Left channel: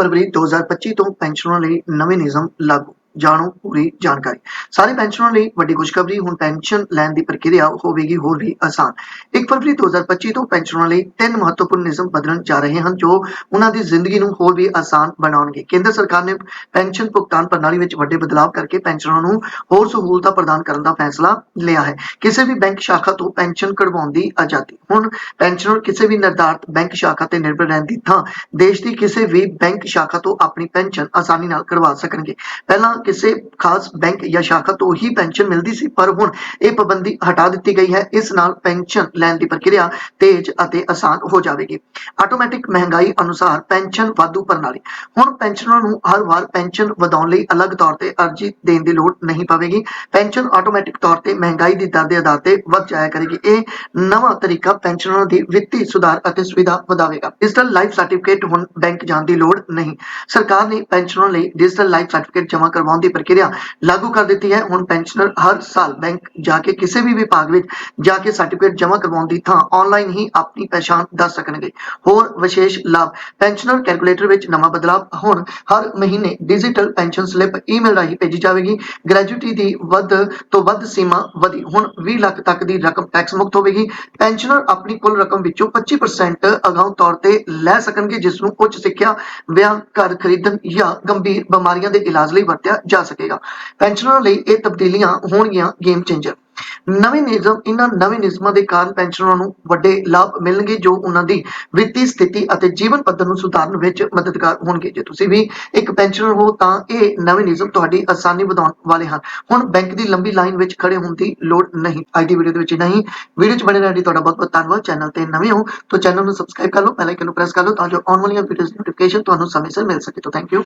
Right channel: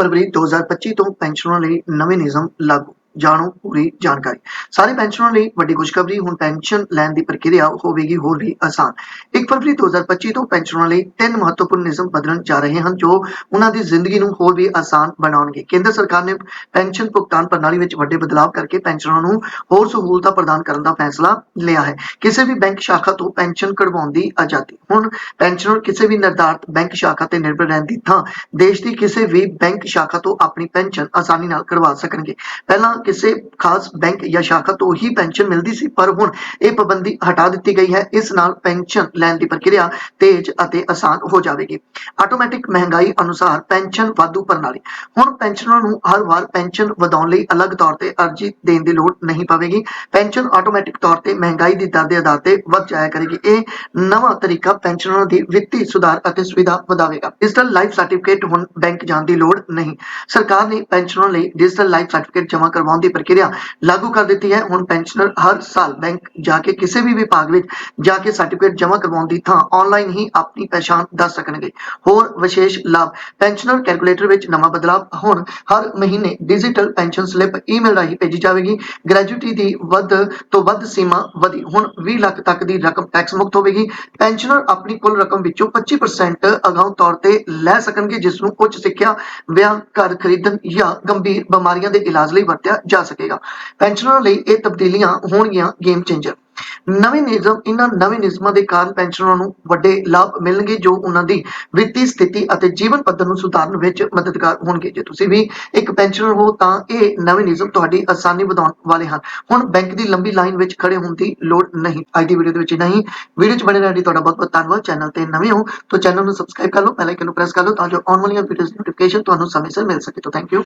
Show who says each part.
Speaker 1: ਫਰਵਰੀ 2025 ਤੋਂ ਪੈਨਸ਼ਨਰਾਂ ਲਈ ਨਵੇਂ ਨਿਯਮ ਲਾਗੂ। ਜਾਣੋ ਪੂਰੀ ਜਾਣਕਾਰੀ। ਸਾਰੇ ਪੈਨਸ਼ਨਰਾਂ ਲਈ ਵੱਡੀ ਖੁਸ਼ਖਬਰੀ, ਹੁਣ ਪੈਨਸ਼ਨ ਲੈਣ ਦੀ ਪ੍ਰਕਿਰਿਆ ਹੋਵੇਗੀ ਹੋਰ ਵੀ ਆਸਾਨ। 1 ਫਰਵਰੀ 2025 ਤੋਂ ਪੈਨਸ਼ਨਰਾਂ ਲਈ ਤਿੰਨ ਮਹੱਤਵਪੂਰਨ ਨਿਯਮ ਬਦਲਣ ਜਾ ਰਹੇ ਹਨ, ਜੋ ਉਹਨਾਂ ਦੀ ਜ਼ਿੰਦਗੀ ਨੂੰ ਹੋਰ ਵੀ ਆਸਾਨ ਬਣਾਉਣਗੇ। ਕੇਂਦਰ ਸਰਕਾਰ ਨੇ ਪੈਨਸ਼ਨ ਭੁਗਤਾਨ ਪ੍ਰਣਾਲੀ ਵਿੱਚ ਵੱਡੇ ਬਦਲਾਅ ਕਰਕੇ ਪੈਨਸ਼ਨਰਾਂ ਨੂੰ ਹੋਰ ਸਹੂਲਤਾਂ ਪ੍ਰਦਾਨ ਕਰਨ ਦਾ ਫੈਸਲਾ ਲਿਆ ਹੈ। ਕਿਸੇ ਵੀ ਬੈਂਕ ਸ਼ਾਖਾ ਤੋਂ ਪੈਨਸ਼ਨ ਕਢਵਾਉਣ ਦੀ ਆਜ਼ਾਦੀ। ਹੁਣ ਪੈਨਸ਼ਨਰ ਕਿਸੇ ਵੀ ਨਿਰਧਾਰਤ ਬੈਂਕ ਸ਼ਾਖਾ ਤੇ ਨਿਰਭਰ ਰਹਿਣ ਦੀ ਥਾਂ ਦੇਸ਼ ਦੀ ਕਿਸੇ ਵੀ ਬੈਂਕ ਸ਼ਾਖਾ ਤੋਂ ਆਪਣੀ ਪੈਨਸ਼ਨ ਆਸਾਨੀ ਨਾਲ ਕਰਵਾ ਸਕਣਗੇ। ਪਹਿਲਾਂ ਕਿਸੇ ਖਾਸ ਬੈਂਕ ਜਾਂ ਸ਼ਾਖਾ ਤੋਂ ਹੀ ਪੈਨਸ਼ਨ ਮਿਲਦੀ ਸੀ, ਪਰ ਹੁਣ ਇਹ ਪਾਬੰਦੀ ਹਟਾ ਦਿੱਤੀ ਗਈ ਹੈ। ਇਸ ਨਾਲ ਪੈਨਸ਼ਨ ਲੈਣ ਦੀ ਪ੍ਰਕਿਰਿਆ ਤੇਜ਼ ਅਤੇ ਆਸਾਨ ਹੋ ਜਾਵੇਗੀ। ਆਟੋਮੈਟਿਕ ਮਹਿੰਗਾਈ ਅਨੁਸਾਰ ਪੈਨਸ਼ਨ ਵਾਧੂ ਪ੍ਰਣਾਲੀ ਹੁਣ ਪੈਨਸ਼ਨਰਾਂ ਨੂੰ ਹਰ ਵਾਰ ਪੈਨਸ਼ਨ ਵਧਾਉਣ ਲਈ ਅਲੱਗ ਤੌਰ ਤੇ ਅਰਜ਼ੀ ਦੇਣ ਦੀ ਲੋੜ ਨਹੀਂ ਪਵੇਗੀ। ਪੈਨਸ਼ਨ ਆਟੋਮੈਟਿਕ ਤੌਰ ਤੇ ਮਹਿੰਗਾਈ ਦੀ ਦਰ ਦੇ ਆਧਾਰ ਤੇ ਵਧ ਜਾਇਆ ਕਰੇਗੀ। ਇਹ ਨਵਾਂ ਤਰੀਕਾ ਪੈਨਸ਼ਨਰਾਂ ਦੀ ਵਿੱਤੀ ਸੁਧਾਰ ਅਤੇ ਸੁਵਿਧਾ ਵਧਾਵੇਗਾ। ਡਿਜੀਟਲ ਲਾਈਫ ਸਰਟੀਫਿਕੇਟ ਹੁਣ ਬੈਂਕ ਜਾਣ ਦੀ ਲੋੜ ਨਹੀਂ। ਸਰਕਾਰ ਨੇ ਪੈਨਸ਼ਨਰਾਂ ਲਈ ਡਿਜੀਟਲ ਲਾਈਫ ਸਰਟੀਫਿਕੇਟ ਜਮ੍ਹਾਂ ਕਰਵਾਉਣ ਦੀ ਪ੍ਰਕਿਰਿਆ ਲਾਗੂ ਕਰ ਦਿੱਤੀ ਹੈ। ਹੁਣ ਪੈਨਸ਼ਨਰ ਹਰ ਸਾਲ ਬੈਂਕ ਜਾ ਕੇ ਕਿਸੇ ਵੀ ਵਿਭਾਗ ਵਿੱਚ ਜਾ ਕੇ ਸਰਟੀਫਿਕੇਟ ਜਮ੍ਹਾਂ ਕਰਵਾਉਣ ਦੀ ਥਾਂ ਆਨਲਾਈਨ ਹੀ ਆਪਣੀ ਪਛਾਣ ਦੱਸ ਸਕਣਗੇ। ਹੋਰ ਵਿਸ਼ੇਸ਼ ਲਾਭ ਪੈਨਸ਼ਨਰ ਕੈਲਕੂਲੇਟਰ ਵਿੱਚ ਨਵਾਂ ਬਦਲਾਅ ਹੁਣ ਹਰ ਮਹੀਨੇ ਡਿਜੀਟਲ ਪੈਨਸ਼ਨ ਸਲਿੱਪ ਈਮੇਲ ਰਾਹੀਂ ਭੇਜੀ ਜਾਵੇਗੀ। ਗ੍ਰੈਜੂਇਟੀ ਦੀ ਵੱਧ ਤੋਂ ਵੱਧ ਸੀਮਾ ਵਧੀ। ਹੁਣ 20 ਲੱਖ ਤੱਕ ਦੀ ਰਕਮ ਟੈਕਸ ਮੁਕਤ ਹੋਵੇਗੀ। ਪੈਨਸ਼ਨਰ ਆਪਣੀ ਕੁੱਲ ਰਕਮ ਵਿੱਚੋਂ 25% ਅਗਾਊਂ ਤੌਰ ਤੇ ਲੈ ਸਕਣਗੇ, ਜਿਸ ਨੂੰ ਉੱਚ ਸਿੱਖਿਆ, ਵਿਆਹ, ਘਰ ਖਰੀਦਣ ਜਾਂ ਗੰਭੀਰ ਬਿਮਾਰੀਆਂ ਦੇ ਇਲਾਜ ਲਈ ਵਰਤਿਆ ਜਾ ਸਕੇਗਾ। ਪੈਨਸ਼ਨਰ ਲਈ ਇਹ ਤਬਦੀਲੀਆਂ ਹੋਣਗੀਆਂ ਗੇਮ ਚੇਂਜਰ ਨਵੇਂ ਨਿਯਮ, ਇਹਨਾਂ ਨਵੇਂ ਨਿਯਮਾਂ ਦੇ ਕਾਰਨ ਪੈਨਸ਼ਨਰਾਂ ਨੂੰ ਵੱਡੇ ਲਾਭ ਮਿਲਣਗੇ, ਜੋ ਉਹਨਾਂ ਦੀ ਵਿੱਤੀ ਸਥਿਤੀ ਅਤੇ ਜੀਵਨ ਪੱਧਰ ਨੂੰ ਸੁਧਾਰਨ ਵਿੱਚ ਮਦਦਗਾਰ ਹੋਣਗੇ। ਜੇ ਤੁਸੀਂ ਵੀ ਇੱਕ ਪੈਨਸ਼ਨਰ ਹੋ, ਤਾਂ ਇਹ ਨਵੇਂ ਨਿਯਮ ਤੁਹਾਡੀ ਆਸਾਨੀ ਵਧਾਉਣ ਵਾਲੇ ਹਨ। ਹੁਣ ਬੈਂਕ ਦੀ ਲੰਬੀ ਲਾਈਨ ਵਿੱਚ ਖੜੇ ਹੋਣ ਦੀ ਲੋੜ ਨਹੀਂ। ਅੱਜ ਦੀ ਵੀਡੀਓ ਦੇ ਵਿੱਚ ਨਹੀਂ ਵੀਡੀਓ 'ਚ ਬਣੇ ਰਹਿਣ ਲਈ ਤੁਹਾਡਾ ਬਹੁਤ ਬਹੁਤ ਧੰਨਵਾਦ। ਚੈਨਲ ਤੇ ਨਵੇਂ ਹੋ ਤਾਂ ਚੈਨਲ ਨੂੰ ਸਬਸਕ੍ਰਾਈਬ ਕਰ ਲਓ ਬੈਲ ਆਈਕਨ ਨੂੰ ਪ੍ਰੈਸ ਕਰ ਲਓ ਤਾਂ ਜੋ ਆਉਣ ਵਾਲੀਆਂ ਵੀਡੀਓਜ਼ ਨੋਟੀਫਿਕੇਸ਼ਨ ਤੁਹਾਨੂੰ ਸਮੇਂ ਸਿਰ ਮਿਲ ਸਕੇ। ਤਾਂ ਥੈਂਕ ਯੂ